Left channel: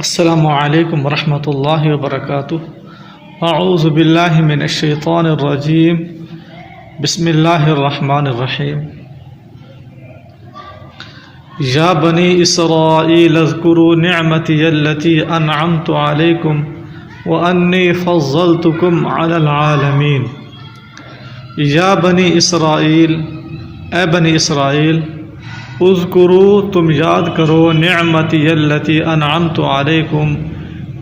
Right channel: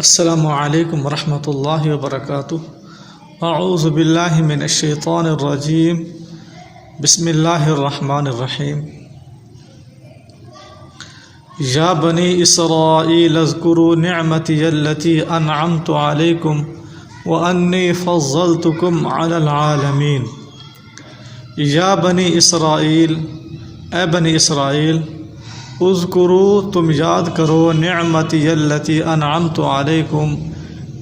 السلام علیکم ورحمۃ اللہ وبرکاتہ۔ اعوذ باللہ من الشیطان الرجیم، بسم اللہ الرحمن الرحیم۔ یا بنی اسرائیل اذکروا نعمتی التی انعمت علیکم وانی فضلتکم علی العالمین۔ یا بنی اسرائیل، اے بنی اسرائیل، اذکروا تم یاد کرو نعمتی التی انعمت علیکم،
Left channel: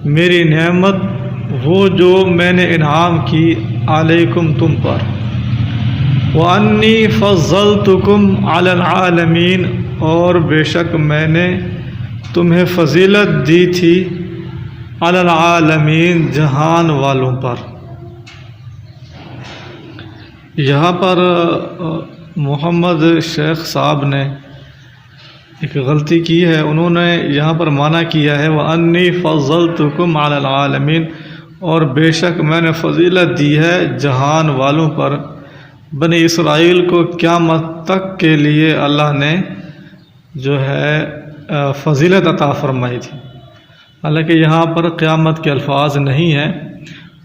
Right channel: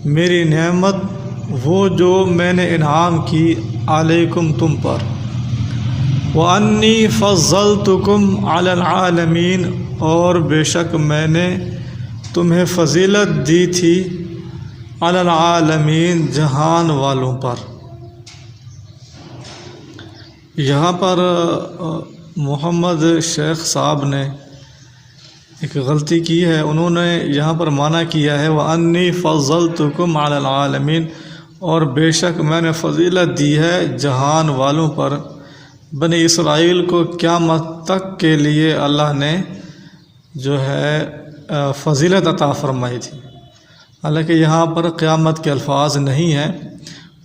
میری نعمت وہ جو میں نے انعام کی علیکم تم پر، وانی فضلتکم علی العالمین، اور بے شک میں نے تمہیں فضیلت دی تھی علی العالمین، جہان والوں پر۔ یہاں پر محمد شیخ صاحب نے ایک غلطی کی ہے، انہوں نے یہاں پر معنی کیا ہے وَأَنِّي فَضَّلْتُكُمْ عَلَى الْعَالَمِينَ، اور بے شک میں نے فضیلت دی ہے جہان والوں پر۔ بنی اسرائیل کو قیامت تک کے لیے اللہ نے جو ہے فضیلت عطا فرمائی تھی، حالانکہ یہاں پر قیامت کے الفاظ نہیں ہیں۔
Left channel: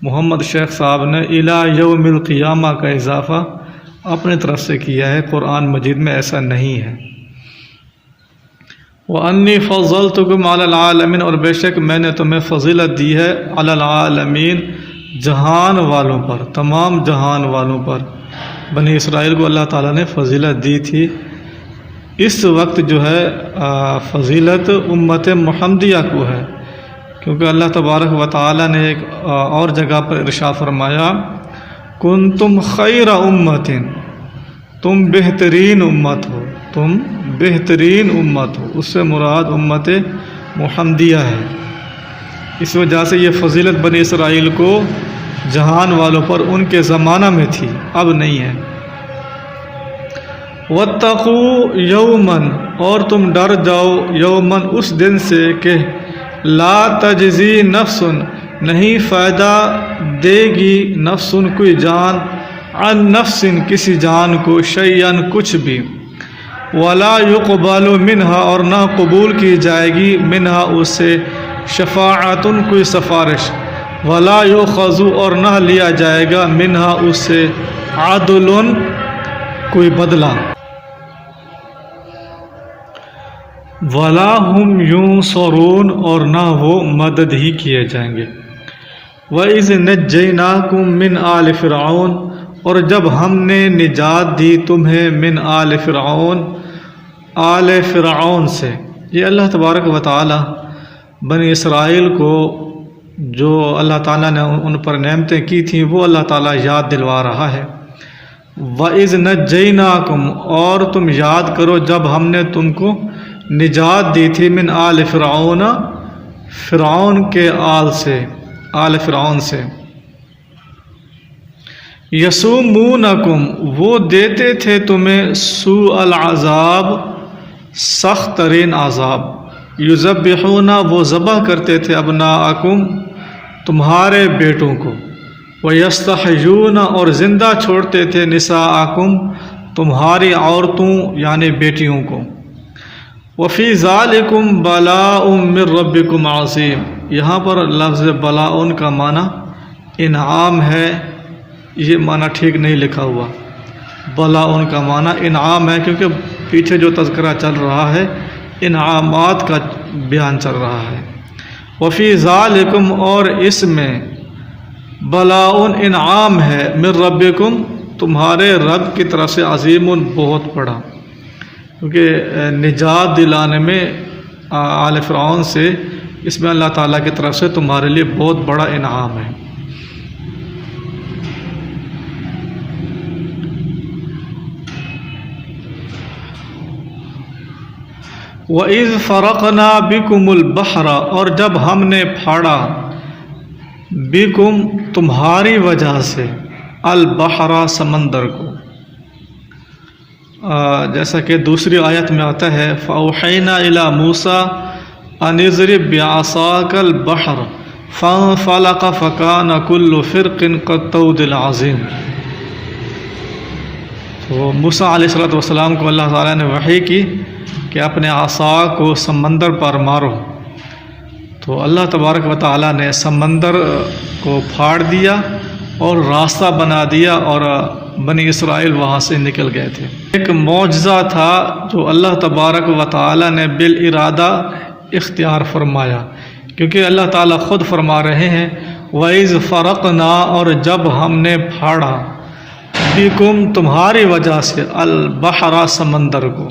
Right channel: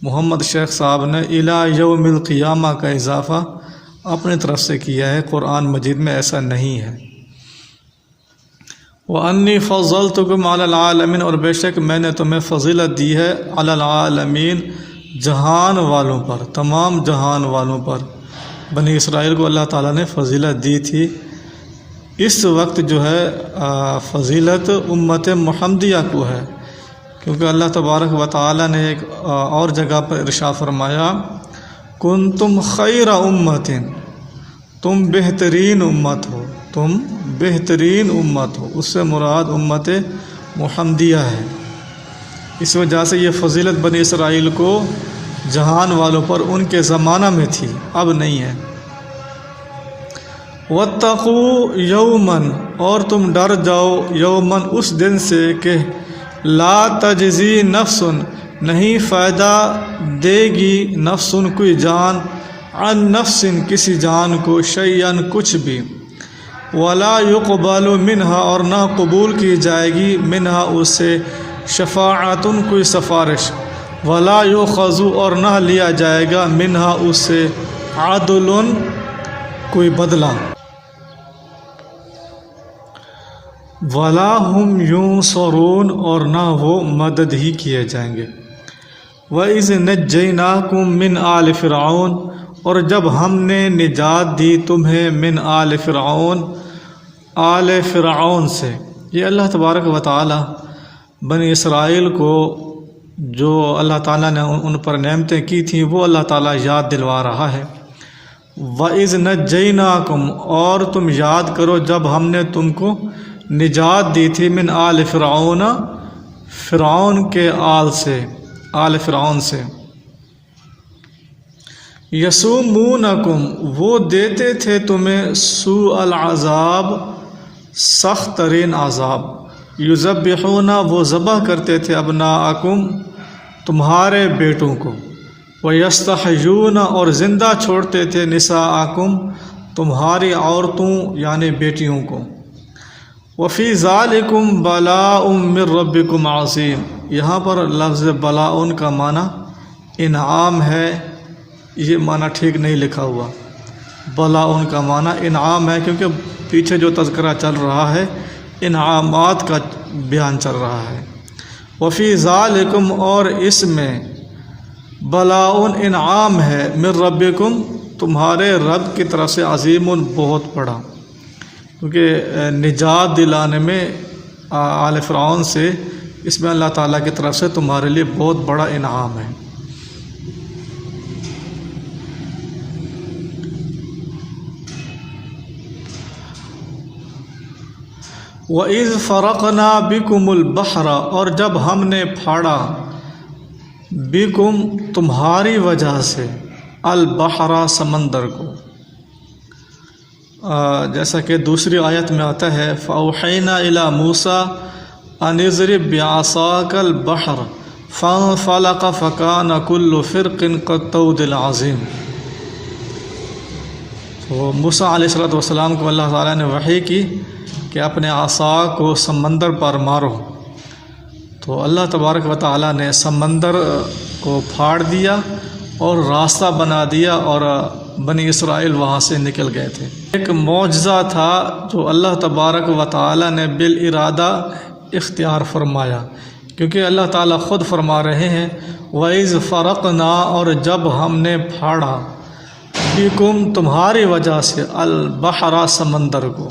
محمد شیخ صاحب نے اِلَى یوم القیامہ کا اضافہ اپنی طرف سے کیا ہے، قرآن مجید میں ایسا نہیں ہے۔ وَأَنِّي فَضَّلْتُكُمْ عَلَى الْعَالَمِينَ، اور بے شک میں نے تمہیں فضیلت دی ہے علی العالمین، جہان والوں پر، تمام جہان والوں پر۔ بنی اسرائیل کو اللہ تعالیٰ نے فضیلت دی تھی۔ اس وقت جو ہے فضیلت امت محمدیہ کو ہے، کیونکہ اللہ تبارک و تعالیٰ نے ایک اور جگہ پر ارشاد فرمایا کنتم خیر امت، تم بہترین امت ہو، تم بہترین امت ہو، اس سے مراد امت محمدیہ ہے۔ اس وجہ سے یہ فضیلت بنی اسرائیل کو جہان والوں پر ان کے زمانہ میں تھی، اب نہیں ہے۔ وَاتَّقُوا يَوْمًا، اور تم ڈر جاؤ یومن، اس دن سے کہ لا تجزی نفس، نہیں فائدہ دے گی نفس، کوئی جان، عن نفس، کسی جان کو، شیئن، کچھ بھی، ولا يقبل منہا، اور نہ قبول کی جائے گی، منہا اس سے، شفاعت، کوئی سفارش، ولا یؤخذ، اور نہ لیا جائے گا، منہا اس سے، عدل، کوئی بدلہ، ولا هم ينصرون، اور نہ وہ مدد ہی کیے جائیں گے۔ وَإِذْ نَجَّيْنَاكُمْ مِنْ آلِ فِرْعَوْنَ، اور جب ہم نے نجات دی تمہیں، من آل فرعون، آل فرعون سے۔ یہ اللہ تبارک و تعالی بنی اسرائیل کو جو اللہ تعالیٰ نے ان پر نعمتیں کی تھیں وہ اللہ تعالیٰ یاد دلوا رہا ہے۔ وَإِذْ نَجَّيْنَاكُمْ، اور تم یاد کرو جب ہم نے تم کو نجات دی تھی، من آل فرعون، فرعون کے آل سے، آل فرعون سے۔ یسومونکم، وہ دیتے تھے تمہیں، سوء العذاب، سخت ترین عذاب، یذبحون، وہ ذبح کرتے تھے، ابناءکم، تمہارے بیٹوں کو، ویستحیون، اور زندہ چھوڑتے تھے، نساءکم، تمہاری عورتوں یعنی بیٹیوں کو۔ وفی ذالکم بلاء من ربکم عظیم، یہاں پر لفظ بلاء کا معنی انعام ہے، یہ معنی ٹھیک نہیں لکھا ہوا، بلاء کا معنی انعام ہے، کیونکہ پیچھے جو تذکرہ چل رہا ہے انعامات کا بیان چل رہا ہے۔ وفی ذالکم، اور اس میں، بلاء انعام ہے، من ربکم، تمہارے رب کی طرف سے، عظیم، بہت بڑا، کیونکہ نجات دلانے میں آل فرعون سے، اس میں اللہ تعالیٰ کی طرف سے تمہارے لیے بہت بڑا انعام ہے۔ وَإِذْ فَرَقْنَا بِكُمُ الْبَحْرَ، اور جب ہم نے پھاڑا، بِكُم، تمہاری وجہ سے، البحر، سمندر کو، جیسا کہ دوسری آیت میں آتا ہے فَأَوْحَيْنَا إِلَى مُوسَىٰ أَنِ اضْرِب بِعَصَاكَ الْبَحْرَ فَانفَلَقَ فَكَانَ كُلُّ فِرْقٍ كَالطَّوْدِ الْعَظِيمِ۔ تو موسیٰ علیہ السلام کو اللہ تعالیٰ نے وحی کی کہ اپنے عصا کو سمندر پر مارو، تو اللہ تبارک و تعالیٰ نے سمندر کو پھاڑ دیا اور راستہ بنا دیا اور بنی اسرائیل وہاں سے نکل گئے تھے۔ ایک معجزہ تھا جو اللہ تبارک و تعالیٰ نے بالارادہ اختیار فرمایا، کیونکہ اللہ تعالیٰ خود فرما رہے ہیں وَإِذْ فَرَقْنَا، اور جب ہم نے پھاڑا بِكُمْ تمہاری وجہ سے البحر سمندر کو،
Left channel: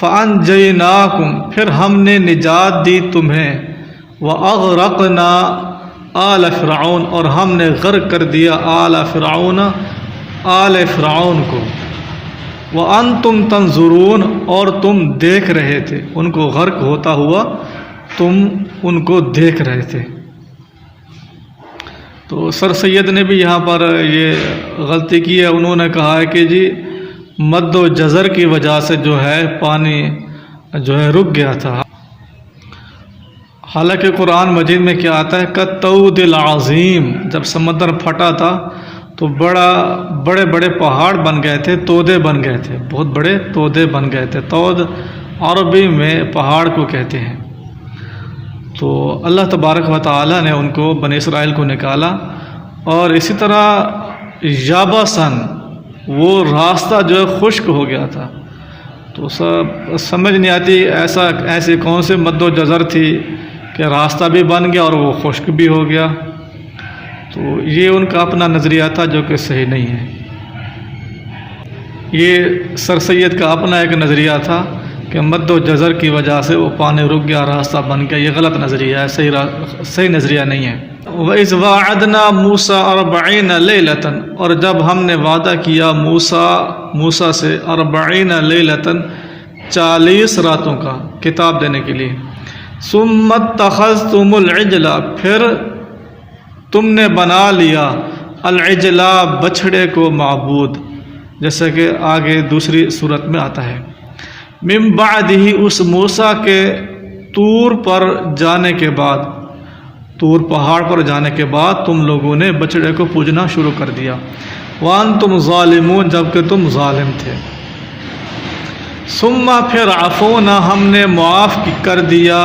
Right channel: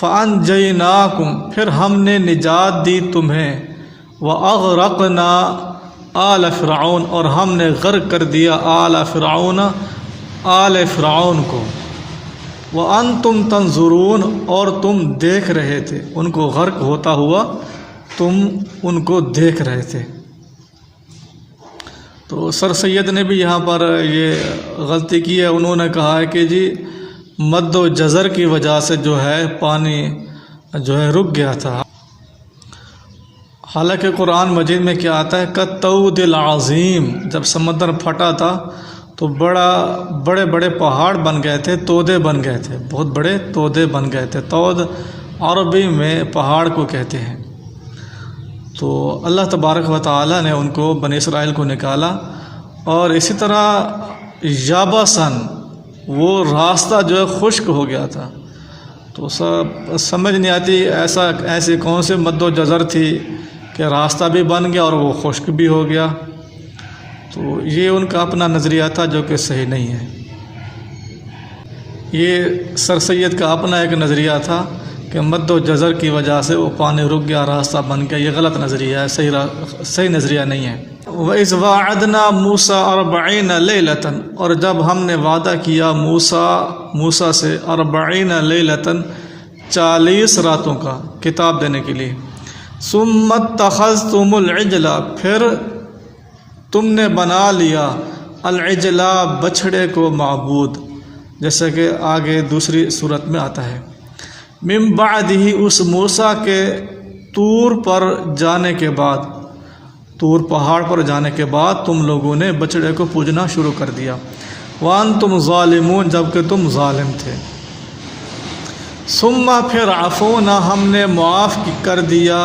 فَأَنْجَيْنَاكُمْ پھر ہم نے نجات دی تمہیں، وَأَغْرَقْنَا آل فرعون اور ہم نے غرق کر دیا آل فرعون آل فرعون کو، وَأَنْتُمْ تَنْظُرُونَ اور تم دیکھ رہے تھے، ان کو غرق ہوتا ہوا تم ان کو دیکھ رہے تھے۔ تو سر سید نے بھی یہاں پر یہ غلطی کی ہے، انہوں نے کہا ہے کہ جی مد و جزر کی وجہ سے جو ہے پانی جو ہے رک گیا تھا، حالانکہ قرآن مجید میں کیا آتا ہے کالطود العظیم، جب سمندر پھٹا تھا تو بڑے بڑے پہاڑ بن گئے تھے، تودے بن گئے تھے، بہت بڑے تودے بن گئے تھے۔ تود عربی میں پہاڑ کو کہتے ہیں۔ تو اللہ تبارک و تعالیٰ نے ان کو بنی اسرائیل کو نکالا، اور اسی طرح یابسن وہ راستہ جو ہے خشک ہو گیا تھا، تو سمجھ نہیں آتی ایسی کون سی مد و جزر تھی کہ راستہ بھی بن گیا اور وہ خشک بھی ہو گیا۔ تو یہ ان کا اپنا نظریہ تھا جو کہ صحیح نہیں ہے، یہ سر سید کا اپنا ایک نظریہ تھا کہ مد و جزر کی وجہ سے وہ پانی رک گیا، راستہ بن گیا، یہ غلط نظریہ ہے، صحیح نظریہ نہیں ہے۔ وَإِذْ وَاعَدْنَا مُوسَىٰ 40 لَيْلَةً اور جب ہم نے وعدہ کیا موسیٰ سے 40 لَيْلَةً 40 راتوں کا کتاب دینے کے لیے، ثُمَّ اتَّخَذْتُمُ الْعِجْلَ پھر تم نے بنا لیا العجلہ بچھڑے کو معبود، جیسا کہ آگے دوسری صورت میں آتا ہے، من بعدہ اس موسیٰ کے طور پر جانے کے بعد، طور پہاڑ پر جانے کے بعد تم لوگوں نے بچڑے کو پوجنا شروع کر دیا، وانتم ظالمون جبکہ تم ظالم تھے، ثم پھر عفونا ہم نے معاف کر دیا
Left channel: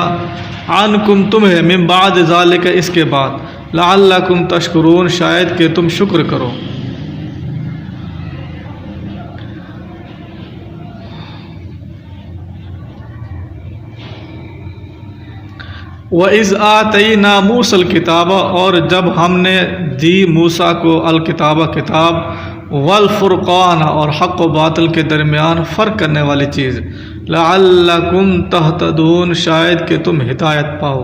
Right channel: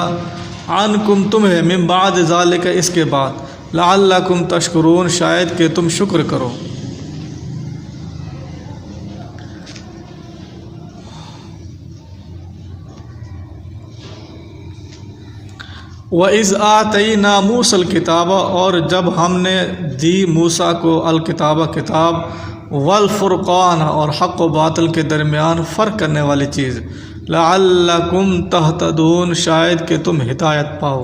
عنکم تمہیں، من بعد ذالک اس کے بعد، لعلکم تشکرون شاید کہ تم شکر کرو۔ وَإِذْ آتَيْنَا مُوسَى الْكِتَابَ اور جب ہم نے دی موسیٰ کو الکتابہ کتاب، والفرقان اور حق و باطل کے درمیان فرق کرنے والی چیز، لعلکم تہتدون شاید کہ تم ہدایت پاؤ۔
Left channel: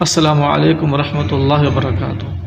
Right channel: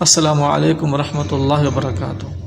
السلام علیکم ورحمۃ اللہ وبرکاتہ۔